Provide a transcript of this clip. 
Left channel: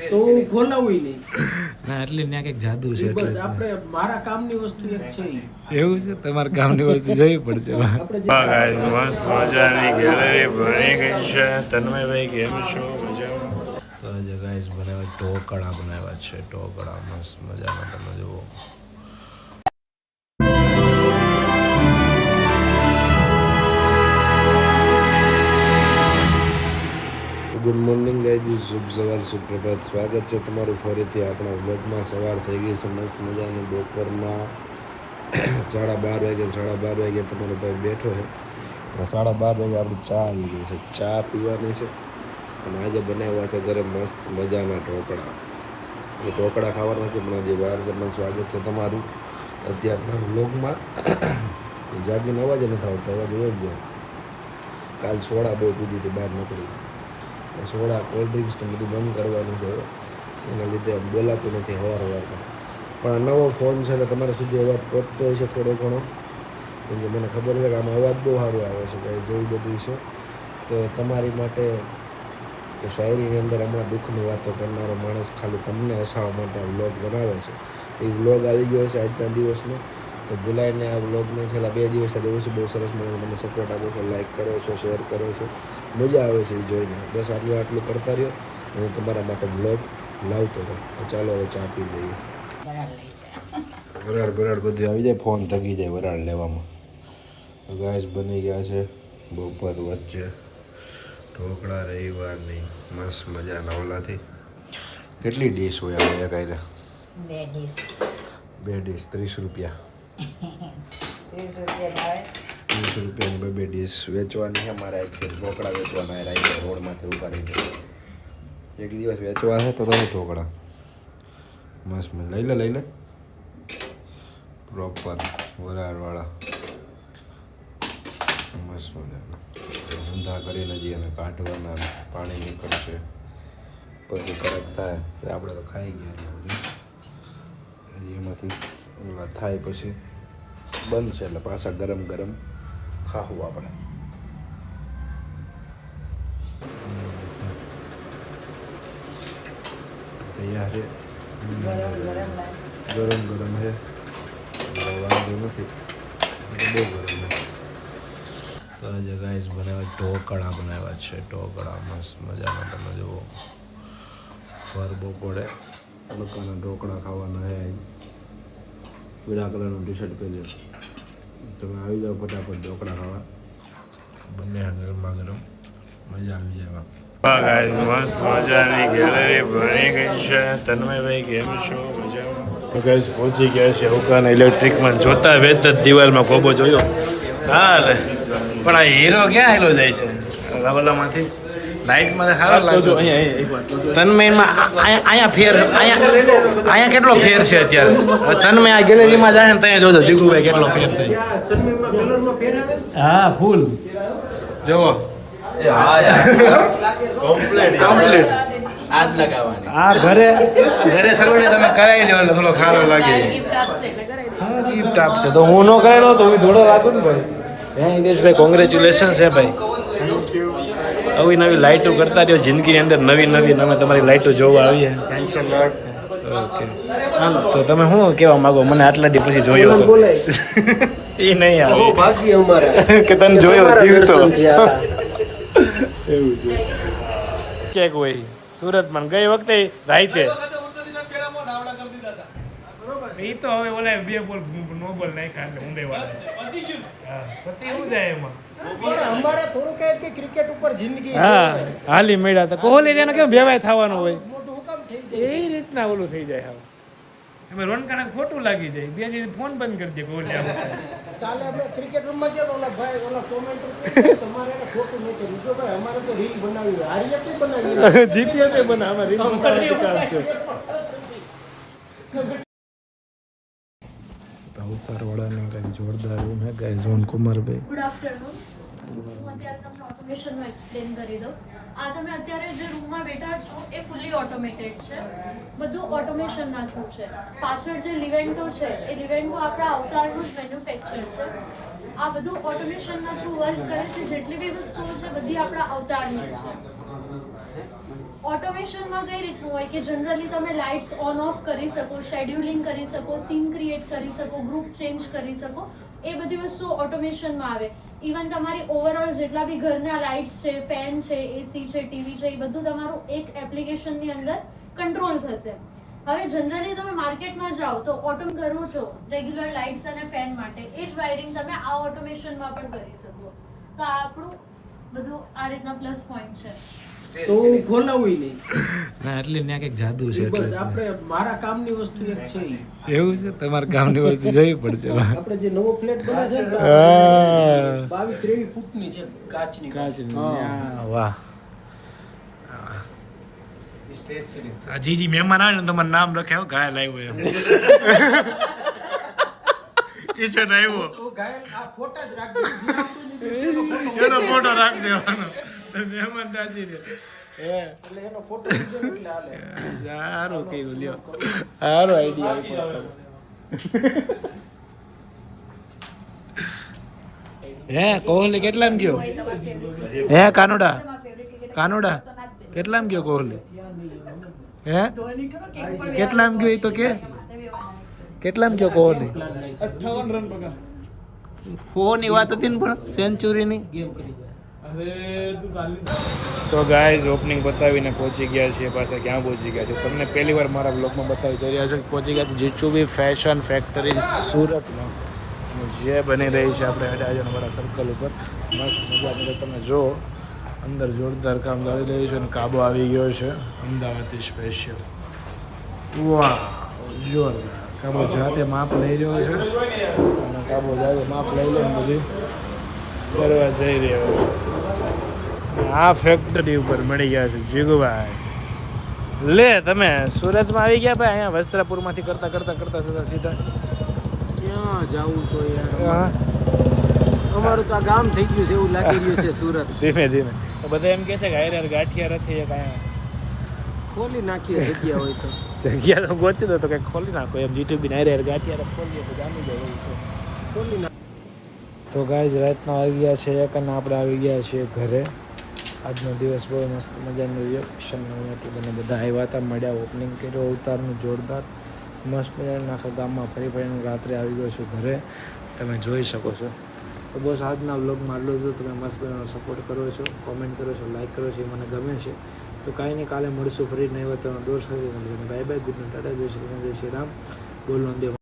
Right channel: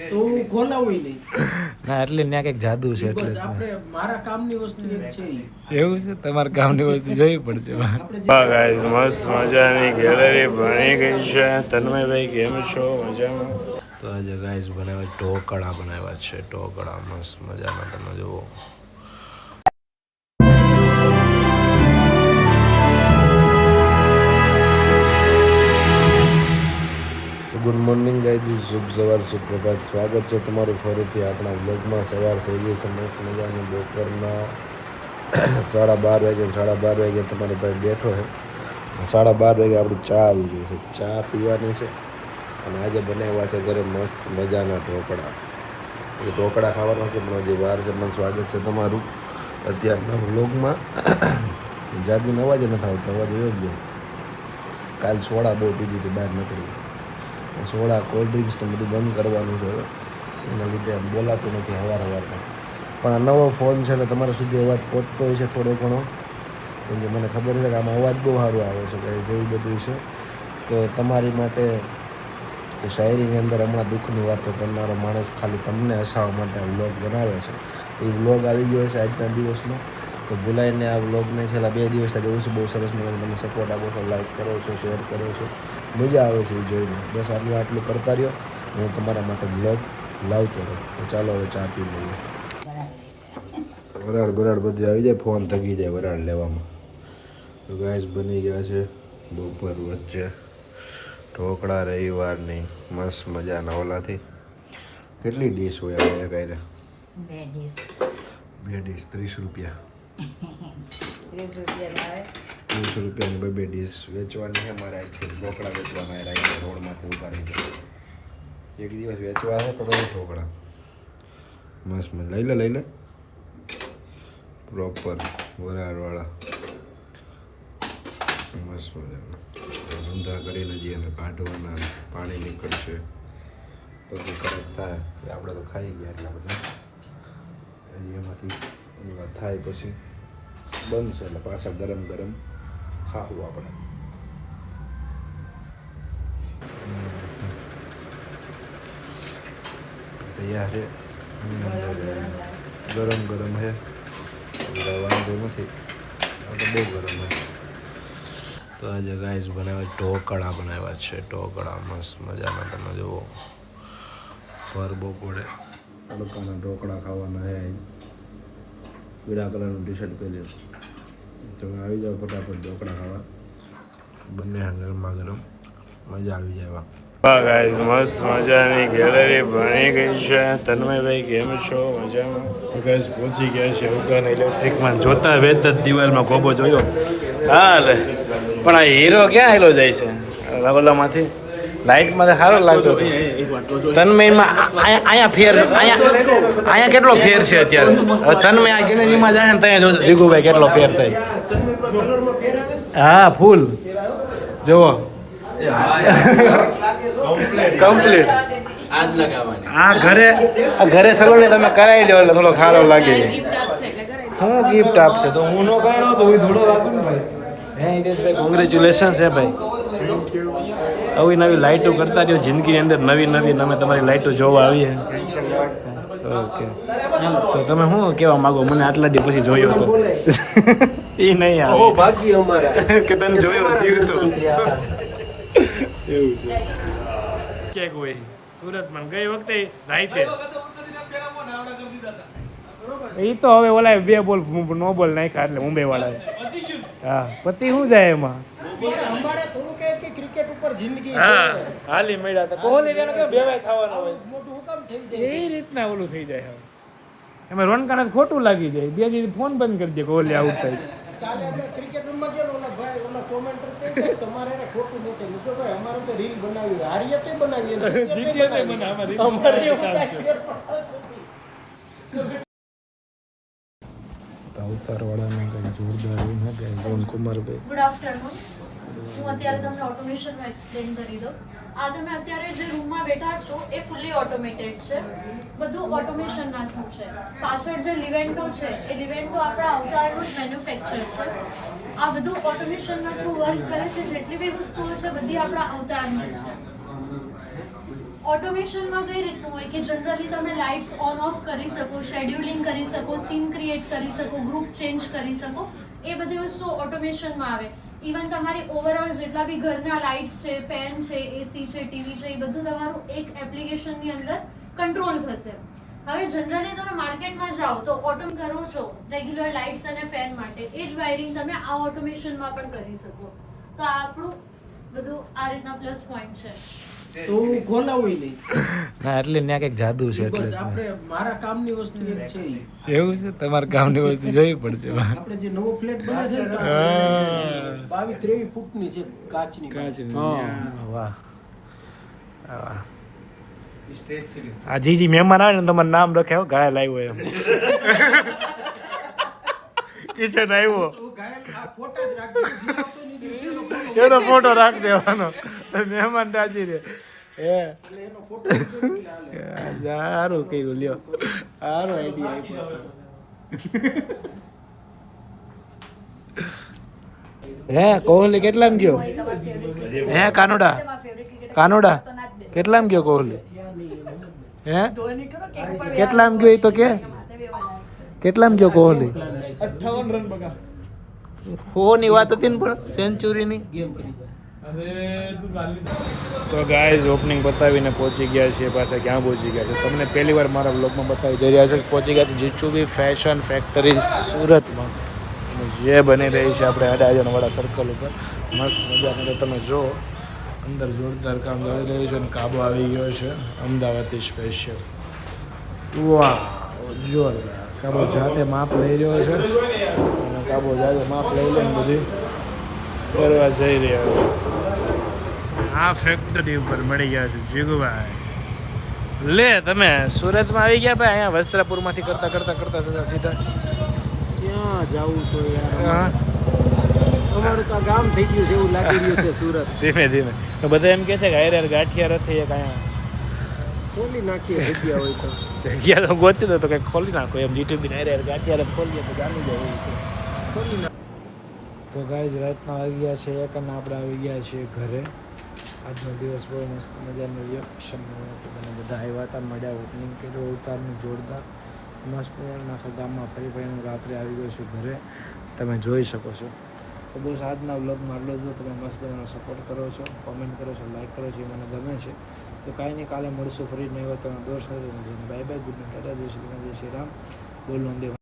તો ખોલાવું નહીં ના એટલે ત્યાં કંઈક જાદુ છે એટલે આપણે મારા કામની વસ્તુ એક છે એવું છે તમારા કામની વસ્તુ જોઈ પડશે ગાઈસ મસ્ત મજાની ગેલેરી બની ગઈ છે તન્મયભાઈ કેમ છો મજામાં તો આજે ગાઈસ બનાવ્યા ઢોકળા બનાવ્યા છે ઢોકળા મસ્ત મજાના તમે જુઓ ગુડ મોર્નિંગ ગાઈઝ શુભ સવાર સુપ્રભાત સ્વાગત છે તમારું ફરીથી આપણા વ્લોગમાં સવાર થઈ ગઈ છે મસ્ત મજાની બપોરના 12:30 વાગે તમારો ભાઈ બેઠો છે 12:30 વાગે આપણી ચા આવી ગઈ છે ચા પીવાની છે અને આજે બનાવ્યા છે ઘરે મસ્ત મજાના ઢોકળા એ ઢોકળા ખાવાના છે પણ હજી વાર છે મને સ્વાગત છે તમારું અત્યારના વ્લોગમાં જાગીનો અવાજ નથી આવતો અવાજ એવો ગયો કાલ સોડા બહુ પીધી હતી બહાર નીકળી સોડા કોલ્ડ ડ્રિંક્સ ને બધું બંધ કરવાનું છે હવે એના લીધે બોલાતું નથી સવારમાં પણ આ નવો ફોન છે એટલે તમારા સુધી અવાજ પહોંચતો હોય છે થોડો ઘણો કેમ કે મને ખબર છે કે આમાં અવાજ બહુ સારો આવે છે કે જેવું બધું છે તો તમારી માટે શાયરીની અંદર હમણાં દુઃખની વાતો કરનારો માણસ ખાલી તમને હસાવવા માટે વ્લોગ બનાવે છે તો એ વ્લોગ આવી ગયો છે આજના દિવસનો તો ભૂલાઈને આ વ્લોગને છેલ્લા 2 દિવસ જોઉં છું બહુ સરસ મજાનો તમે સપોર્ટ આપો છો લાઈક કરો છો શેર કરો છો મજા આવે છે એ જોઈને બસ આટલું કરતા રહ્યો હું તમારા માટે બ્લોગ લાવતો રહું તો ચાલો હવે ચા પી લઈએ વરાળ બધું આવી જાય ફોન થકી જાય વરાળ લેવામાં તો ગાઈસ બની ગયા છે બપોર વચ્ચે ઢોકળા રવિવારની મસ્ત મજાના ઓલાથી કેટલી ડીશ હોય હવે એક આયરે 2 ડીશ 30 રૂપિયા 30 રૂપિયાની 2 ડીશ વેચવાની છે મારે આખી ઢોકળા વેચવાના રાઈ રોડમાંથી ઉભા રહી જાય એક દિવસ વેચવાની તો નહીં ઢોકળા મસ્ત લઈ લે પ્રોપર વરાળવાળા મસ્ત મજાના ઊંધા કરીને જઈએ અને કાઢવાના પાણી નીકળશે પછી કડક થાય આપણે તો ખાઈ ગયા એટલા બધા એમાંથી થાય પછી બનશે એટલે પાછા ગરમ ખાવું આપણે તૈયાર છે ગરમ છે વાંધો નથી બહુ ગરમ છે તો આજે ગાઈસ બનાવ્યા ઢોકળા બનાવ્યા છે ઢોકળા મસ્ત મજાના તમે જુઓ પર બપોરે તડકાના ઢોકળા ખાવાના છે પીળા કલરનું ટી શર્ટ પહેર્યું તમે આવી જાઓ ફટાફટ ઢોકળા ખાવા બંને ગરમા ગરમ મજા આવી જાય ગાઈસ મસ્ત મજાની ગેલેરી બની ગઈ છે તન્મયભાઈ કેમ છો મજામાં તો ગાઈસ પહોંચી ગયા છે ઉકાન ઇલેક્ટ્રિકમાં જોતા વેત જ દિવાલમાં ખોબો જોયો હા રે પણ આ હીરો ક્યાં હેલો જાય છે રવલામાંથી લાઇટમાં સારો લાગતો તન્મયમાં અહીંયા ફેર અહીંયા કેટલો ફેર છે અત્યારે હવે તન્મય આ ગેલેરીમાં જાય ને ત્યાં જોજો જીગુભાઈ કેટલો ફેર થાય હા ફૂલ જુઓ કમ્પ્લીટ હા ઘરે સલૂને તમે કરાવી લો એટલે થોડો સારો લાગે હું ગિફ્ટ આપશે તો હું ન કરાવ્યો તો હું થોડો લાગુ ને ભાઈ હે હિતેશભાઈ કોંગ્રેચ્યુલેશન છે ભાઈ આવી નવી લાઇટો કરતા રહ્યો જિંદગીની અંદર નવી અમે તમારી લાઇટો જોવા આવીએ ઓકે તો તમે શું કહેવા માગો મને આટલા દી પછી જોયો તો એ નહીં આવે કે તને જોયો જીવતો એવું છે કેક હોય સુરતમાં ગઈ વખતે રાઈતે એ તો હવે ઓલા 2 બોલ નો બોલ નાખ્યા એટલે મુંબઈ વાળા હા પતિ શું જાય એમાં અમારે થોડું કે ક્રિકેટ ઉપર જિંદગી હા હાલી મેળા તો કોહલી તેને કેમ ભેવાય થવાનું હોય મોટું હુકામ થઈ જાય એ રીતના ઓલું થઈ જાય હવે એમાં રોનકાને ખોટું લાગી જાય 2 દિવસ ફોન બંધ કરી દે કોહલી આઉટ થાય કાલે આપણે ક્રિકેટ રૂમમાં ગયો ઓલા ભાઈ ઓલા કોમેન્ટર કે તમારે એને ખોટું નથી મૂકો ભાઈ અમારે તો રીલ બનાવી હારીએ તે બનાવી જીતીએ તે બના અમારે રીલ બનાવવાનું કામ છે ઉતારવાળાના કંઈ જોરદાર રૂમ હે ગાઈસ રૂમ કુમારભાઈ ગુડ આફ્ટરનૂન હું અત્યારે તમને ઓટોમેશનમાં એક્સપ્લેન કરી દઉં આ તમે અત્યારે જે રૂમમાં બેઠા છો એ ફૂલી ઓટોમેટેડ છે બધું ઓટોમેશનના થ્રુ છે પાછળ જે લિવેન્ટો છે એ લિવેન્ટો આપણા અવતારનું જ મેન્યુફેક્ચર છે આ બધું ઓટોમેશનના થ્રુ વર્ક કરે છે જેટલી બી વસ્તુઓ છે બધી આપણા અવતારની છે ઓટોમેશનમાં કઈ રીતનું હોય કે જનરલી તમે લાઇટ્સ ઓન ઓફ કરી શકો, શેડ્યુલિંગ કરી શકો, સીન ક્રિએટ કરી શકો, ગ્રુપ ચેન્જ કરી શકો, એ બધી વસ્તુ ઓટોમેશનમાં આવે. ઇવન તમારી ઓવરઓલ જેટલા બી ઘરના લાઇટ્સ છે, ફેન છે, એસી છે, ટીવી છે, એ બધું તમારું એક એપ્લિકેશનની અંદર કંટ્રોલ થશે. હવે જનરલી તમે માર્કેટમાં જાઓ તો ઓટોમ કરો છો રેગ્યુલર લાઇટ્સ અને ફેન માટે, એ જ વાયરિંગ તમે આ ઓટોમેશનમાં પણ કરી શકો. તો આ આપણું બધું આ રીતના પ્લસ પોઈન્ટ છે. તો હું ખોલાવું નહીં. ના એટલે ત્યાં કંઈક જાદુ છે બસ એટલે આપણે મારા કામની વસ્તુ એક છે ઈ. એવું છે તમારા કામની વસ્તુ જોઈ પડશે આપણે જે નવો ફ્લેટ બને છે ને તો હા. 22-23 ફૂટની છે કાચની. વાહ વાહ. Stretch ceiling. આ જી મહેમાન આવે ને તમારું નામ રખાયો ઘાયલ આવ્યો એમ કિચન આવ્યો તો ગાયલ આ ફોટા જ રાખજો. એનો ફોટો રાખી દેવાનો મહેમાન રાજી દે એટલે એનો ફોટો લીધો એટલે હાલે. સારું કર્યું લ્યો સારો આઈડિયા આપ્યો હે કોહલી કેટલામ ગયો હે કાનોડા કેટલામ ગયો કોહલી હે કેટલામ ગયો એ તો કે કેટલામ ગયો કોહલી 58 રન બગા ફોની વાત હતી ને પણ સેન્ચુરીની ગેમ કરી જાય. તો ગાઈઝ ઓપનિંગ બતાવીને પહોંચી ગયા છીએ પાછા ક્યાં પહોંચી ગયા છે તમને પહેલી વાર મારા બ્લોગમાં બતાવી જઈ રહ્યા છે કે પહોંચી ગયા છે જીચુબી ફેશન ફેક્ટરી સુરતમાં અને જે બની રહી છે આપણે અડાજણવાળા સર્કલ ઉપર મસ્ત મજાની તો તમે જો અંદર જોરદાર કામ ચાલી રહ્યું છે અને કાબો આવી ગયો છે અમદાવાદથી સ્પેશિયલ. વાહ જોરદાર કાબો જાતે માપ લઈ રહ્યો છે અને કાબો જાતે માપ લઈ લઈને બધી કરવા જઈ રહ્યો છે. આ ફેક્ટરી ઉપર મળી ગયા છે જીગુભાઈ. લે તમે સુરતમાં આવી ગયા ભાઈ અહીંયા વસ્ત્રાપુરમાંથી કરતા સીધા ક્યાં જાવું તો યાર હા. અમારું તો આ ગામ થઈ ગયું છે એવું લાગી રહ્યું છે સુરત. ધીમે ધીમે તો બધા એમ કહે છે કે હારે ગાંઠિયા રથી એક અહીંયા ખોલી નાખીએ જગ્યા હોય તો. જગ્યા તો ગોતી દો તો કંઈક ખોલી નાખો એમ જીટીબી હારે ગાંઠિયા રથ ખોલીએ તો જામી જાય એવું છે. ખોલી નાખ. તો ગાઈઝ રાતના આવી ગયા છે એક અને આપણે આવી ગયા છીએ ઘરે. આજનો દિવસ બહુ મસ્ત મજાનું રિએક્શન હતું અને બધા આવ્યા હતા મળ્યા ઓપનિંગ કર્યો ઉતારનું જોરદાર મસ્ત મજાનું આખા ગામમાં ફરી ફરીને રાત્રે આવી ગયો છું ઘરે તમે જોઈ શકો છો. તો બસ આજના વ્લોગમાં આટલું જ. તમે મસ્ત મજાનો સપોર્ટ કરો છો, કોમેન્ટ કરો છો, લાઈક કરો છો, એ મને ગમે છે. તો કાંઈ નહીં કાલે મળશું ફરી નહીં હોય તો દોર સાથે bye bye good night Tata જય શ્રી રામ બોલો અંબે.